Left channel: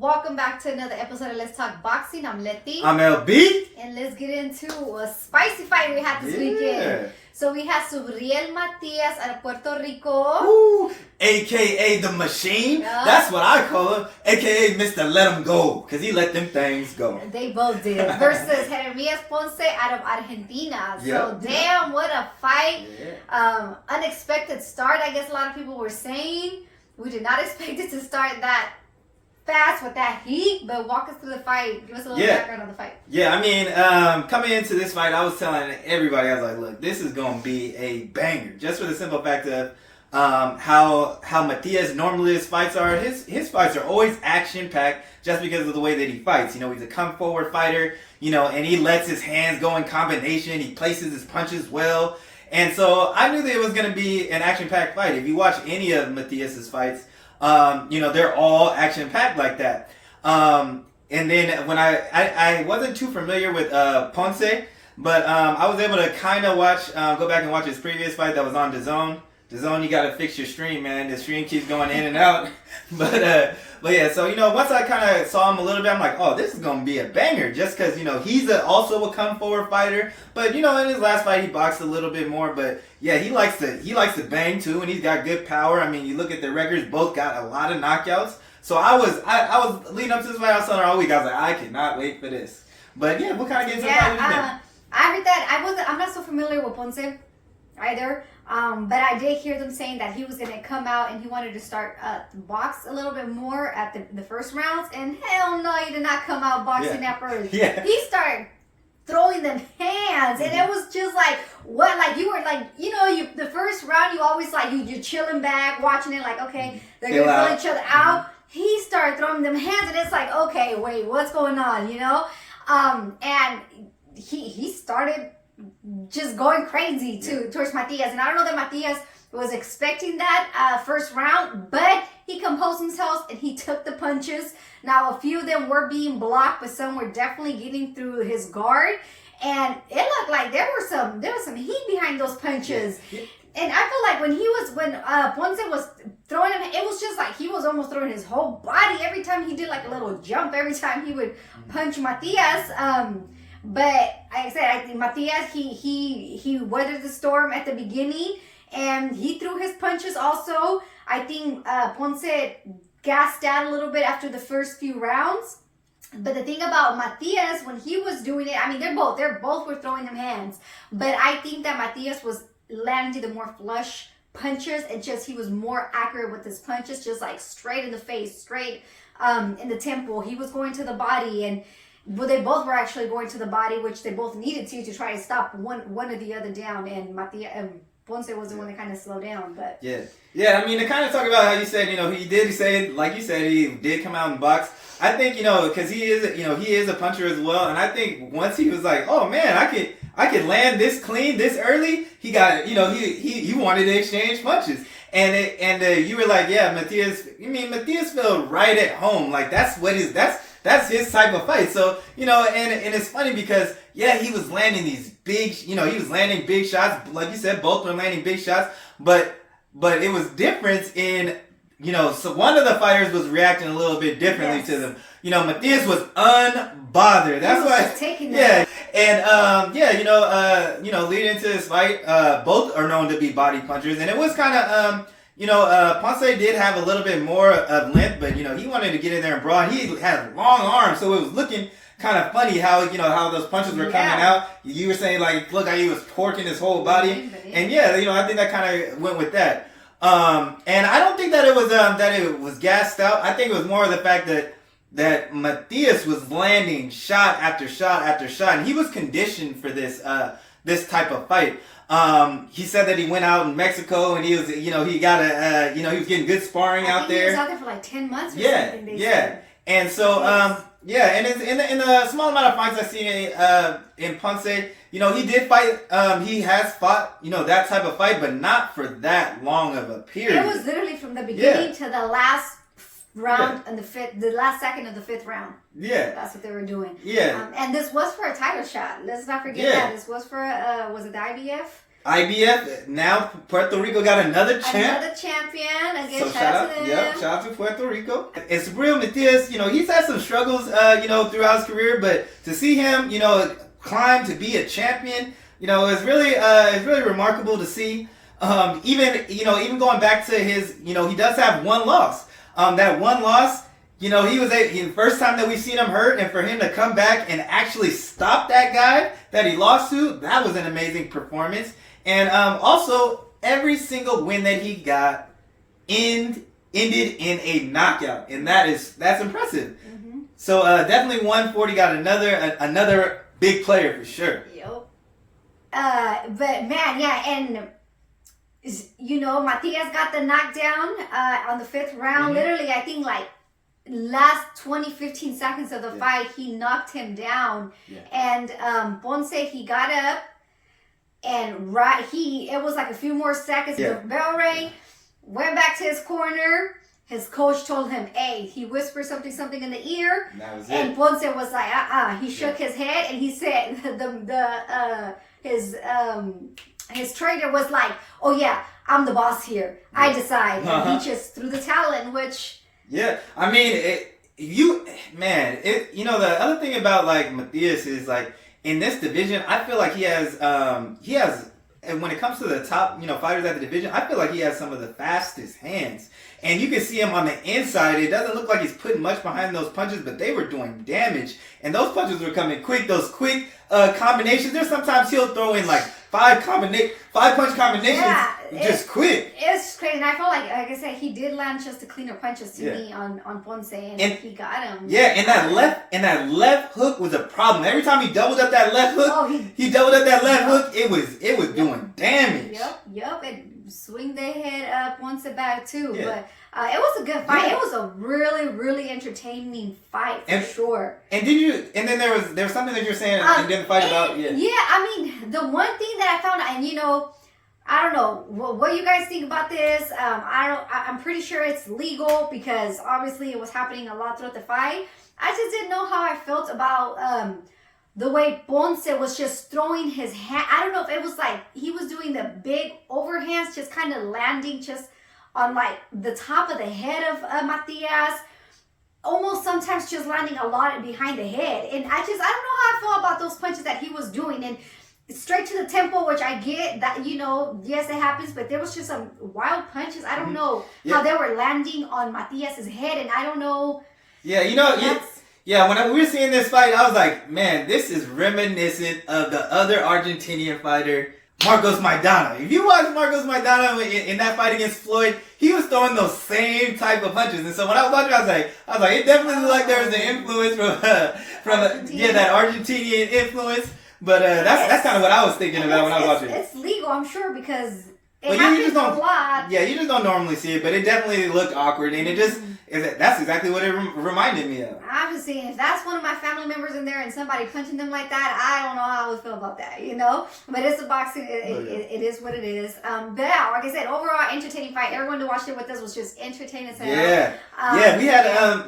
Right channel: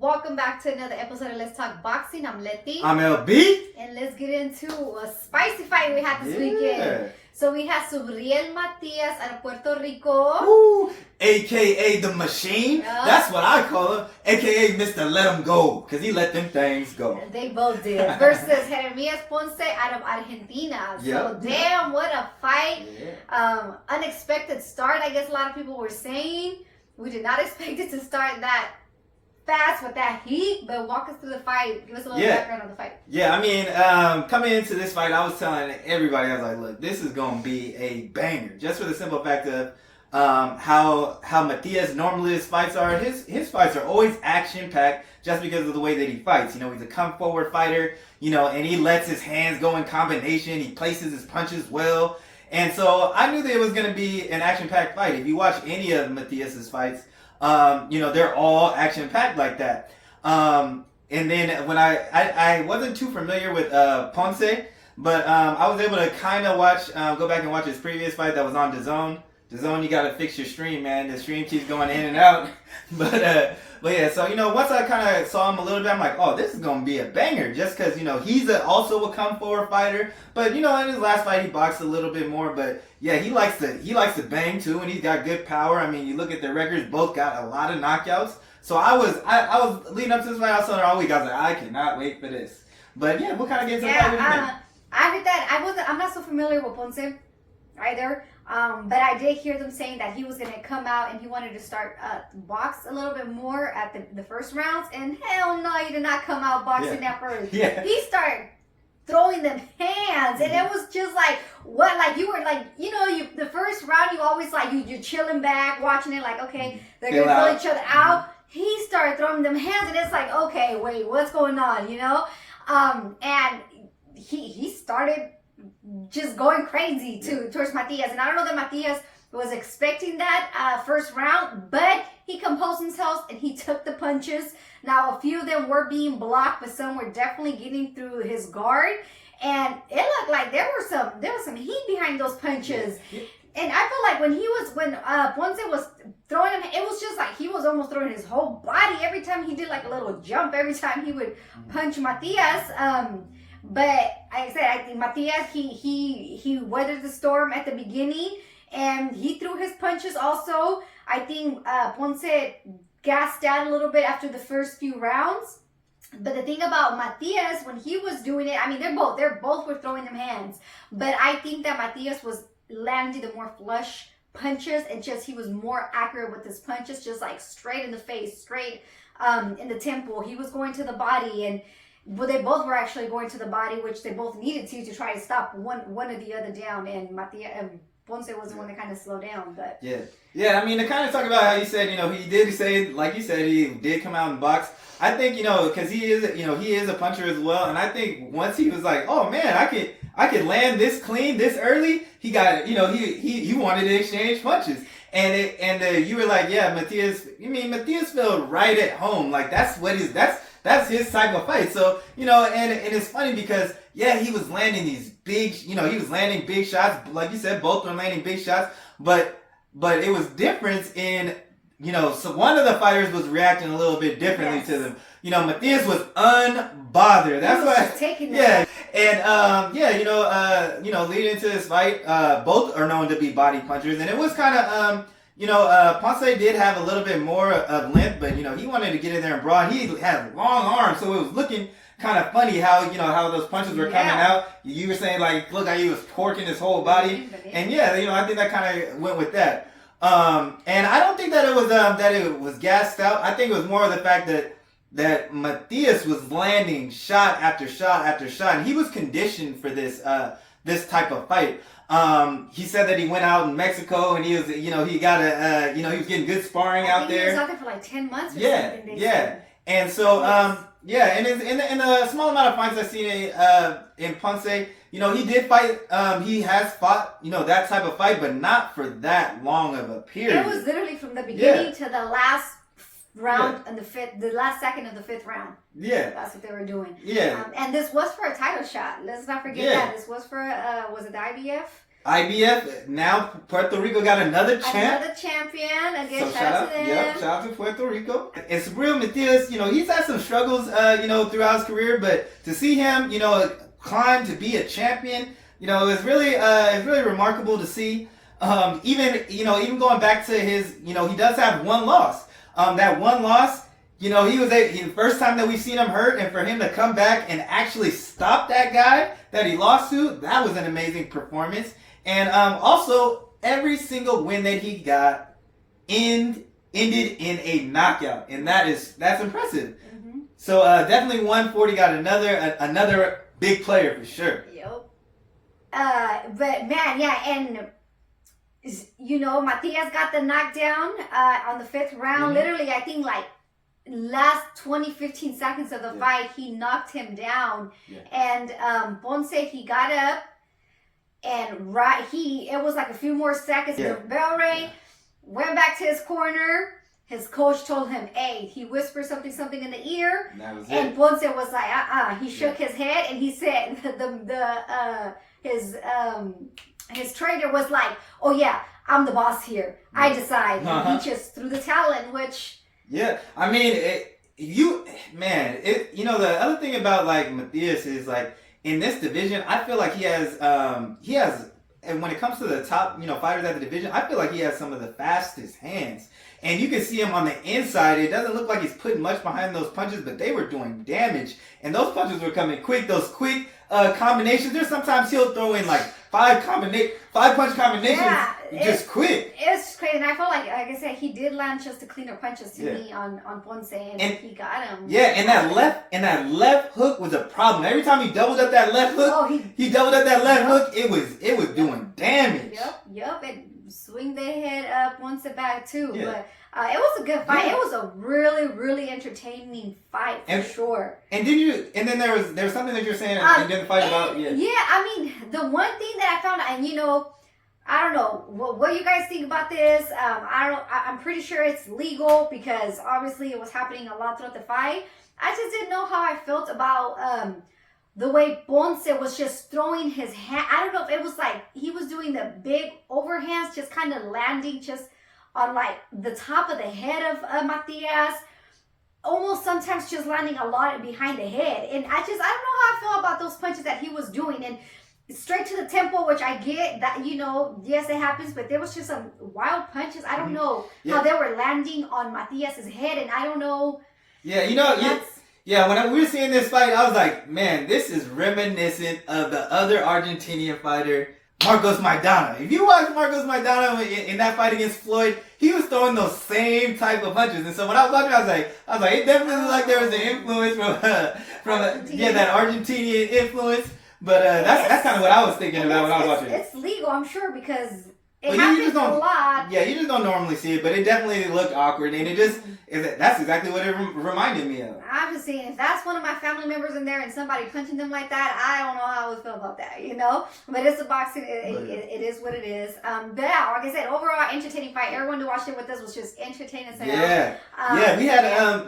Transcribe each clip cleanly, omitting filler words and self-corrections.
Welcome back to another episode of Let's Talk Boxing. I'm Leti. I'm LB. And let's get into a spicy fight we had this weekend. So we had Subriel Matias out of Puerto Rico. Ooh, AKA the Machine. Yep. That's what I call him. AKA Mr. Let Him Go. Because he let them things go. They both did. Versus Jeremias Ponce out of Argentina. So damn, what a fight. Yeah. Unexpected start, I guess a lot of people were saying. We did not expect it to start that fast with that heat, but walk us through the fight. Give us a little background on the fight. Yeah, I mean, coming into this fight, I was telling everybody, I was like, look, this is going to be a banger. Just for the simple fact of how Matias normally his fights are. His fights are always action-packed just because of the way that he fights. You know, he's a come-forward fighter, you know, and he lets his hands go in combination. He places his punches well. And so I knew that it was going to be an action-packed fight. If you watch any of Matias's fights, you know, they're all action-packed like that. And then when I wasn't too familiar with Ponce, but I was able to kind of watch, go back and watch his previous fight that was on DAZN. DAZN, you got to fix your stream, man. The stream keeps going in and out. But yeah, so, you know, once I kind of saw him a little bit, I'm like, oh, this is going to be a banger. Just because, you know, he's also a come-forward fighter. But, you know, in his last fight, he boxed a little bit more. But, yeah, he likes to bang, too, and he's got good power. I mean, you look at the records, both got a lot of knockouts. So I was leading up to this fight, I was telling her all week, I was like, I cannot wait for this. But, yeah, what kind of games of fight would you think? I heard that. I'm not so familiar with Ponce either. But I did hear them saying that he was going to come out and he wanted to start box a little bit more at the first rounds. And hell no, he did not come out boxing at first. Yeah. He started throwing them hands. And it was just like, what? Like, you were like, you know, the first round, you always like, you're chilling back, watching it like, okay, they're going to pull each other out. Mm-hmm. He started throwing them hands and it's like, okay, wait, what's going on, you know? And he started just going crazy towards Matias. And I don't know that Matias was expecting that first round, but he composed himself and he took the punches. Now, a few of them were being blocked, but some were definitely getting through his guard. And it looked like there was some heat behind those punches. Yeah. And I feel like when Ponce was throwing him, it was just like he was almost throwing his whole body every time he did like a little jump, every time he would punch Matias. But like I said, I think Matias, he weathered the storm at the beginning and he threw his punches also. I think Ponce gassed out a little bit after the first few rounds. But the thing about Matias, when he was doing it, I mean, they both were throwing him hands. But I think that Matias was landing the more flush punches and just he was more accurate with his punches, just like straight in the face, straight in the temple. He was going to the body and they both were actually going to the body, which they both needed to try to stop one or the other down. And Ponce was the one that kind of slowed down. But yeah. I mean, to kind of talk about how you said, you know, he did say, like you said, he did come out and box. I think, you know, because he is a puncher as well. And I think once he was like, oh man, I could land this clean this early. He got, you know, he wanted to exchange punches. And you were like, yeah, Matias felt right at home. Like that's his type of fight. So, you know, and it's funny because, yeah, he was landing these big, you know, he was landing big shots. Like you said, both were landing big shots. But it was different in, you know, so one of the fighters was reacting a little bit differently to them. You know, Matias was unbothered. That's why. Taking that. And, you know, leading into this fight, both are known to be body punchers. And it was kind of, Ponce did have a little bit more of length, but, you know, he wanted to get in there and brawl. He had long arms, so it was looking kind of funny how, you know, how those punches were coming out. You were saying, like, look how he was torquing his whole body. And, yeah, you know, I think that kind of went with that. And I don't think that it was gassed out. I think it was more of the fact that Matias was landing shot after shot after shot, and he was conditioned for this type of fight. He said that he went out in Mexico and he was, you know, he got he was getting good sparring out there. He was out there for like 10 months or something. Said. And so, and in the small amount of fights I've seen in Ponce, you know, he did fight, he has fought, you know, that type of fight, but not for that long of a period. It was literally from the beginning to the last round and the last second of the fifth round. Yeah. That's what they were doing. Yeah. And this was for a title shot. Let's not forget that. This was for, was it the IBF? IBF. Now Puerto Rico got another champ. Another champion. Again, So shout out to them. shout out to Puerto Rico. And Subriel Matias, he's had some struggles, throughout his career, but to see him, climb to be a champion, it's really remarkable to see. Even going back to his, he does have one loss. That one loss, he was the first time that we've seen him hurt, and for him to come back and actually stop that guy that he lost to, that was an amazing performance. And also, every single win that he got ended in a knockout, and that's impressive. Mm-hmm. So definitely 140 got another big player for sure. Yep. But man, yeah, and Matias got the knockdown on the 5th round. Mm-hmm. Literally, I think like last 15 seconds of the fight, he knocked him down. Yeah. And Ponce, he got up, and it was like a few more seconds. The bell rang, went back to his corner. His coach told him, "Hey," he whispered something in the ear, and that was it. Ponce was like, He shook his head, and he said, his trainer was like, "Oh yeah, I'm the boss here. I decide." And he just threw the towel in, which. Yeah, I mean, the other thing about like Matias is like in this division, I feel like he has, and when it comes to the top, fighters at the division, I feel like he has some of the fastest hands. And you can see him on the inside. It doesn't look like he's putting much behind those punches, but they were doing damage. And those punches were coming quick. Those quick combinations. There's sometimes he'll throw in like 5-punch combinations just quick. It's crazy. And I felt like I said, he did land just the cleaner punches to me on Ponce, and he got him. Yeah, and that left hook was a problem. Every time he doubled up that left hook, he doubled up that left hook, it was doing damage. Yep. And swing their head up once a back too. Yeah. But it was a good fight. Yeah. It was a really, really entertaining fight for sure. And then there was something that you're saying in the fight about. Yeah, I mean, the one thing that I found, and I don't know what you guys think about this. I'm pretty sure it's legal because obviously it was happening a lot throughout the fight. I just didn't know how I felt about the way Ponce was just throwing his hand. I don't know if it was like he was doing the big overhands, just kind of landing just on like the top of the head of Matias. Almost sometimes just landing a lot behind the head. And I don't know how I feel about those punches that he was doing. And straight to the temple, which I get that, yes, it happens, but there was just some wild punches. I don't know how they were landing on Matias's head, and I don't know. Yeah, when we were seeing this fight, I was like, man, this is reminiscent of the other Argentinian fighter, Marcos Maidana. If you watch Marcos Maidana in that fight against Floyd, he was throwing those same type of punches. And so when I was watching, I was like, it definitely looked like there was an influence from that Argentinian influence. But that's kind of what I was thinking about when I was watching. It's legal, I'm sure, because it happens a lot. Yeah, you just don't normally see it, but it definitely looked awkward, and that's exactly what it reminded me of. I'm just saying, if that's one of my family members in there and somebody punching them like that, I don't know how I would feel about that, But it's a boxing, it is what it is. But yeah, like I said, overall, entertaining fight. Everyone who watched it with us was just entertaining. We had,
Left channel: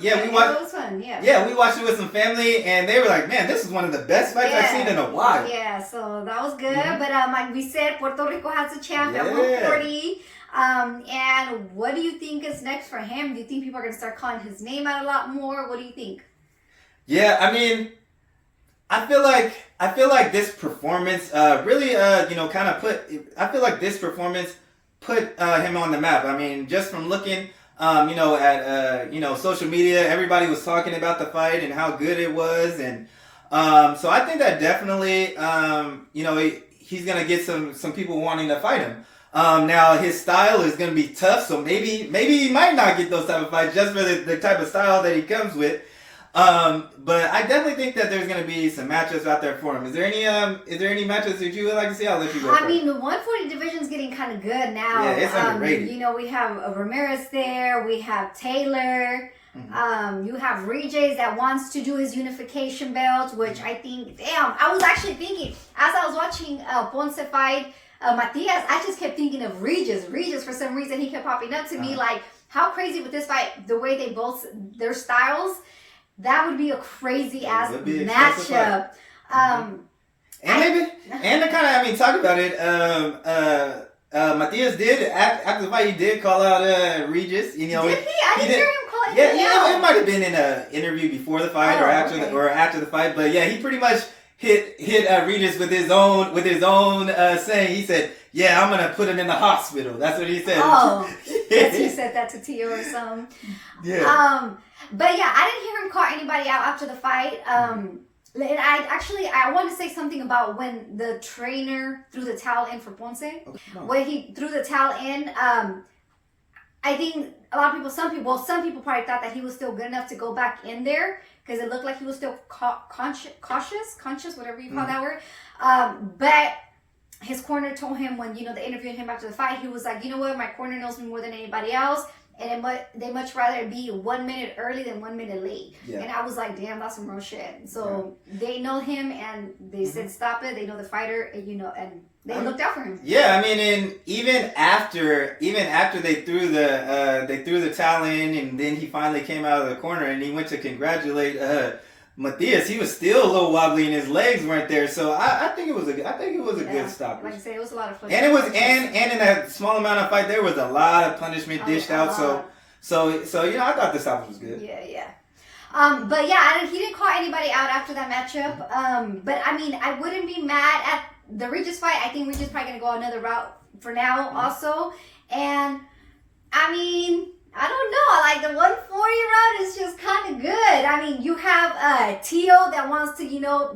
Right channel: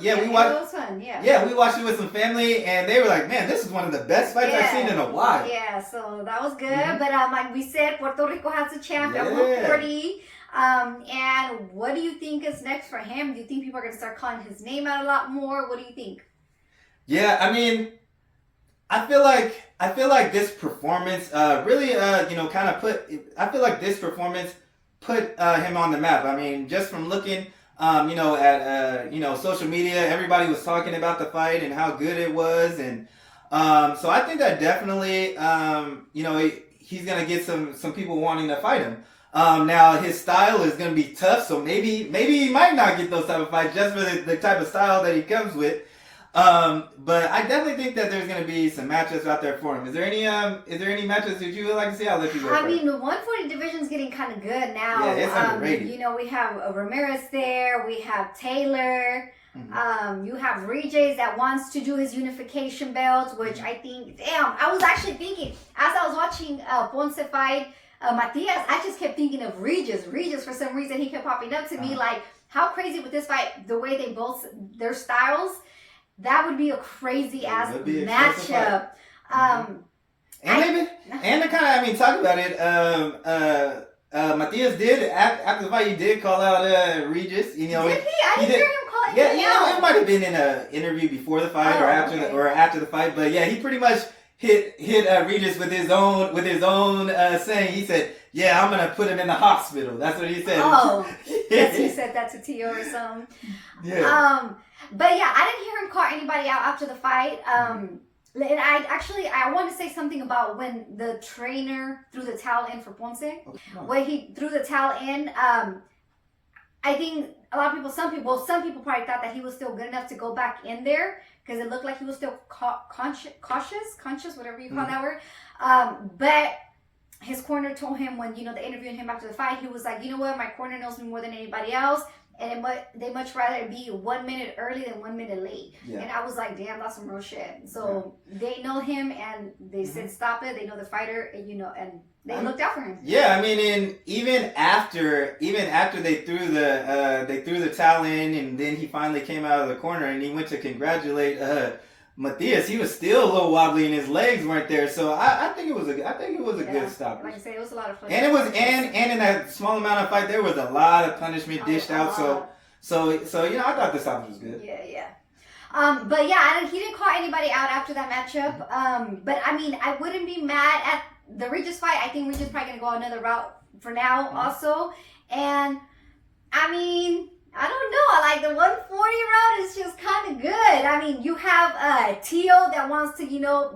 we watched. It was fun, we watched it with some family, and they were like, man, this is one of the best fights I've seen in a while. Yeah, so that was good. Mm-hmm. But like we said, Puerto Rico has a champ at 140. And what do you think is next for him? Do you think people are going to start calling his name out a lot more? What do you think? Yeah, I mean, I feel like this performance really kind of put him on the map. I mean, just from looking at social media, everybody was talking about the fight and how good it was, and so I think that definitely he's gonna get some people wanting to fight him. Now his style is gonna be tough, so maybe he might not get those type of fights just for the type of style that he comes with. But I definitely think that there's gonna be some matchups out there for him. Is there any matchups that you would like to see? I'll let you go first. I mean, the 140 division's getting kind of good now. Yeah, it's underrated. We have Ramirez there. We have Taylor. Mm-hmm. You have Regis that wants to do his unification belt, which I think, I was actually thinking as I was watching Ponce fight Matias, I just kept thinking of Regis. For some reason, he kept popping up to me like, how crazy would this fight, the way they both, their styles, that would be a crazy ass matchup. And to kind of, I mean, talk about it, Matias did, after the fight, he did call out Regis. You know, did he? I didn't hear him call it. Yeah, it might have been in an interview before the fight or after the fight. But yeah, he pretty much hit Regis with his own saying. He said, "Yeah, I'm gonna put him in the hospital." That's what he said. Oh, yes, he said that to Tio or something. Yeah. But yeah, I didn't hear him call anybody out after the fight. And I want to say something about when the trainer threw the towel in for Ponce. Okay. When he threw the towel in, I think some people probably thought that he was still good enough to go back in there because it looked like he was still conscious, whatever you call that word. But his corner told him when, they interviewed him after the fight, he was like, you know what, my corner knows me more than anybody else. And they much rather be 1 minute early than 1 minute late. Yeah. And I was like, damn, that's some real shit. So they know him and they said, stop it. They know the fighter and, and they looked out for him. Yeah, I mean, and even after they threw the towel in and then he finally came out of the corner and he went to congratulate Matias, he was still a little wobbly and his legs weren't there. So I think it was a good stop. Like I said, it was a lot of fun. And it was and in that small amount of fight there was a lot of punishment dished out. So I thought the stoppage was good. Yeah. But yeah, he didn't call anybody out after that matchup. But I mean, I wouldn't be mad at the Regis fight. I think Regis probably gonna go another route for now also. And I mean, I don't know. Like the 140 route is just kind of good. I mean, you have Tio that wants to,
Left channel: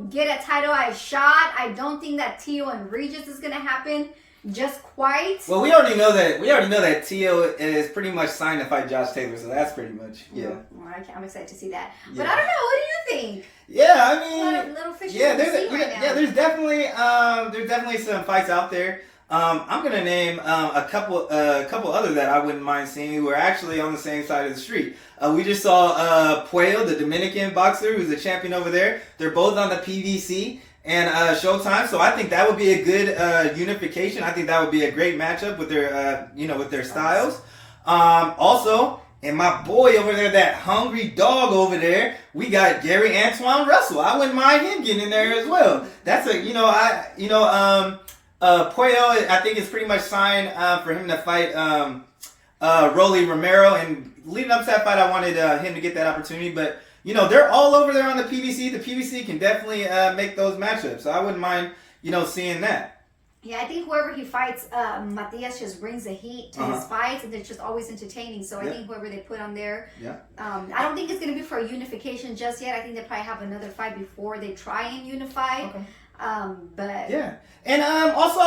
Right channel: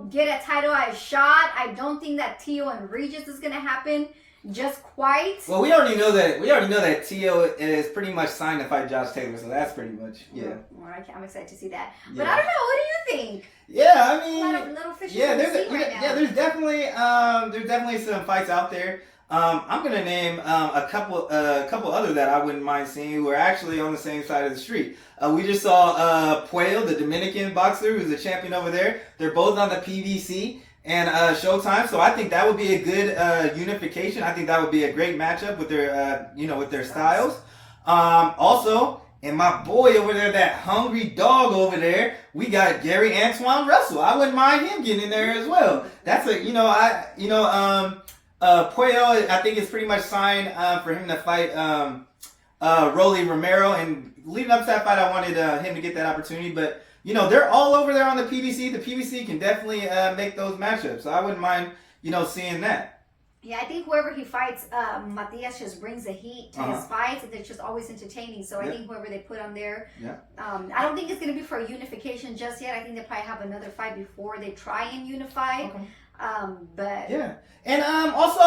get a title shot. I don't think that Tio and Regis is gonna happen just quite. Well, we already know that Tio is pretty much signed to fight Josh Taylor, so that's pretty much Well, I'm excited to see that. Yeah. But I don't know. What do you think? Yeah, I mean, little fishes there's definitely some fights out there. I'm gonna name a couple others that I wouldn't mind seeing who are actually on the same side of the street. We just saw Puello, the Dominican boxer, who's a champion over there. They're both on the PVC and Showtime, so I think that would be a good unification. I think that would be a great matchup with their styles. Also, and my boy over there, that hungry dog over there, we got Gary Antoine Russell. I wouldn't mind him getting in there as well. That's Puello, I think it's pretty much signed for him to fight Rolly Romero, and leading up to that fight, I wanted him to get that opportunity. But they're all over there on the PBC. The PBC can definitely make those matchups, so I wouldn't mind seeing that. Yeah, I think whoever he fights, Matias just brings the heat to his fights, and it's just always entertaining. So I think whoever they put on there, I don't think it's going to be for a unification just yet. I think they probably have another fight before they try and unify. Okay. But yeah, and also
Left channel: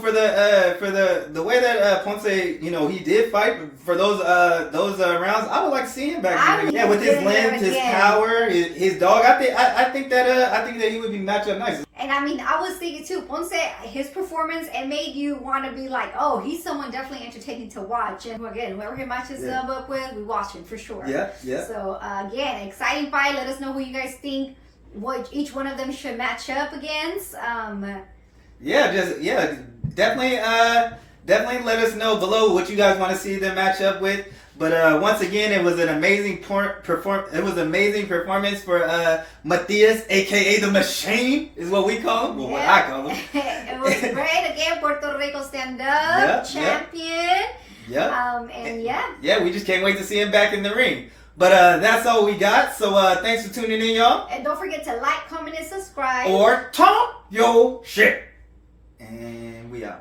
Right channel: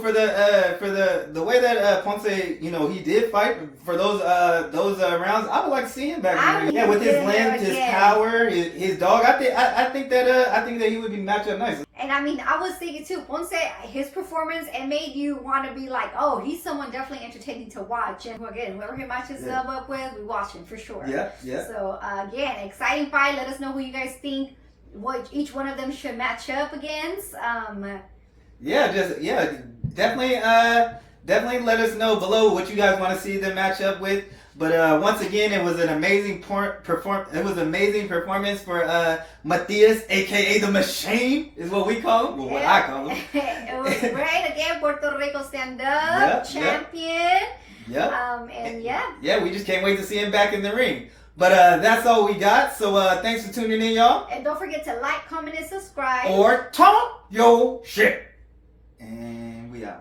for the way that Ponce he did fight for those rounds, I would like to see him back in the ring. With his length, his power, his dog. I think that he would be matched up nice. And I mean, I was thinking too, Ponce, his performance, it made you want to be like, oh, he's someone definitely entertaining to watch. And again, whoever he matches up with, we watch him for sure. Yeah. So again, exciting fight. Let us know who you guys think what each one of them should match up against. Definitely let us know below what you guys want to see them match up with. But once again, it was an amazing performance for Matias, aka the Machine, is what we call him. Well, what I call him. It was great. Again, Puerto Rico stand-up champion. We just can't wait to see him back in the ring. But that's all we got. So thanks for tuning in, y'all. And don't forget to like, comment, and subscribe. Or talk your shit. And we out.